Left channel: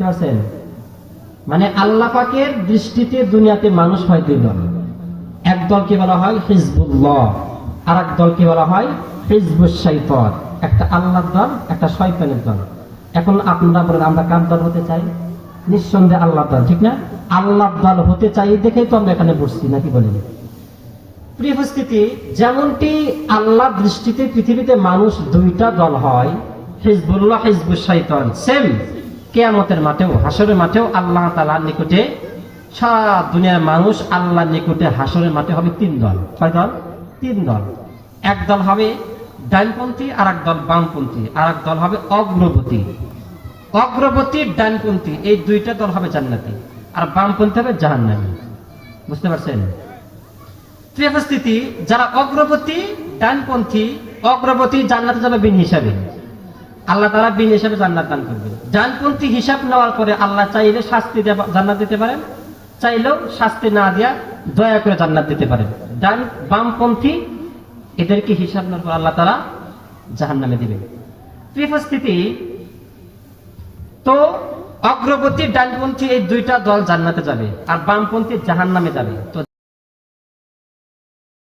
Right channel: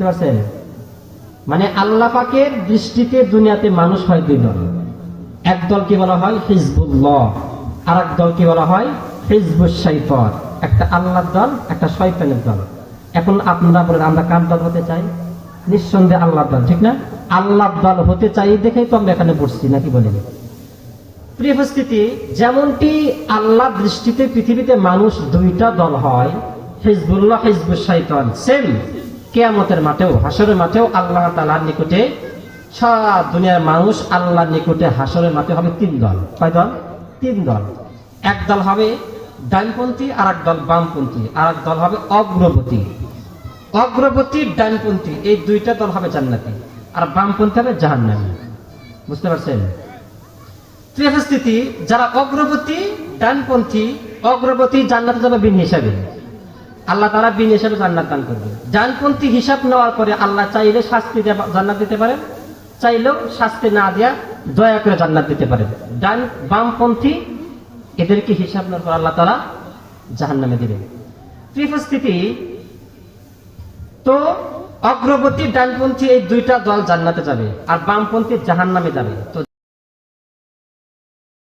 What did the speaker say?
বুঝতে পারছেন? মানে আল্লাহ পাকের দৃষ্টিতে দুনিয়াতে মানুষ হয় দুই দল। এক দলকে বলা হয় হিজবুল্লাহ, আর এক দলকে বলা হয় হিজবুশ শাইতান। একটা আল্লাহর দল, একটা শয়তানের দল। এখন আপনারা বলেন আমরা কার দল হতে চাই? নিঃসন্দেহে আল্লাহর দল, ঠিক না? আল্লাহর দল হতে চাই দেখেই তো আমরা এখানে বসছি, নাকি বলেন? প্রিয় উপস্থিতি, যেমনটি আল্লাহ দৃষ্টিতে পৃথিবীতে মানুষ দুইটা দল হয়, হিজবুল্লাহ হিজবুশ শাইতান, সেম কিয়ামতের মাঠেও, হাসরের মাঠেও আল্লাহ তাআলার নিকটে সারা দুনিয়ার মানুষ আল্লাহর নিকটে হাসরের মাঠে হবে তিন দল। কয় দল? তিন দল। এক দল হবে ডানপন্থী, আর এক দল বামপন্থী, আর এক দল হবে অগ্রবর্তী। অগ্রবর্তী ডানপন্থী এই দুইটা দল হবে জান্নাতি, আর বামপন্থী হবে জাহান্নামী। বুঝতে পারছেন? স্থিতি যারা অগ্রবর্তী ডানপন্থী, অগ্রবর্তী জান্নাতে যাবে বিন হিসাবে, আল্লাহ তাআলা বিন হিসাবে জান্নাত দান করবে। ডানপন্থী হিসাব নেওয়ার পরে আল্লাহ চাইলে শাস্তি দিয়ে জান্নাত দিতে পারেন, চাইলেও শাস্তি না দিয়া দয়া করে জান্নাত দিতে পারেন। বামপন্থী এদেরকে হিসাব নেওয়ার পর আল্লাহ তাআলা জাহান্নামে দিবেন। স্থিতি তো অগ্রবর্তী ডানপন্থী এই দুইটা দল জান্নাতে যাবে, আর বামপন্থী জাহান্নামে যাবে। তো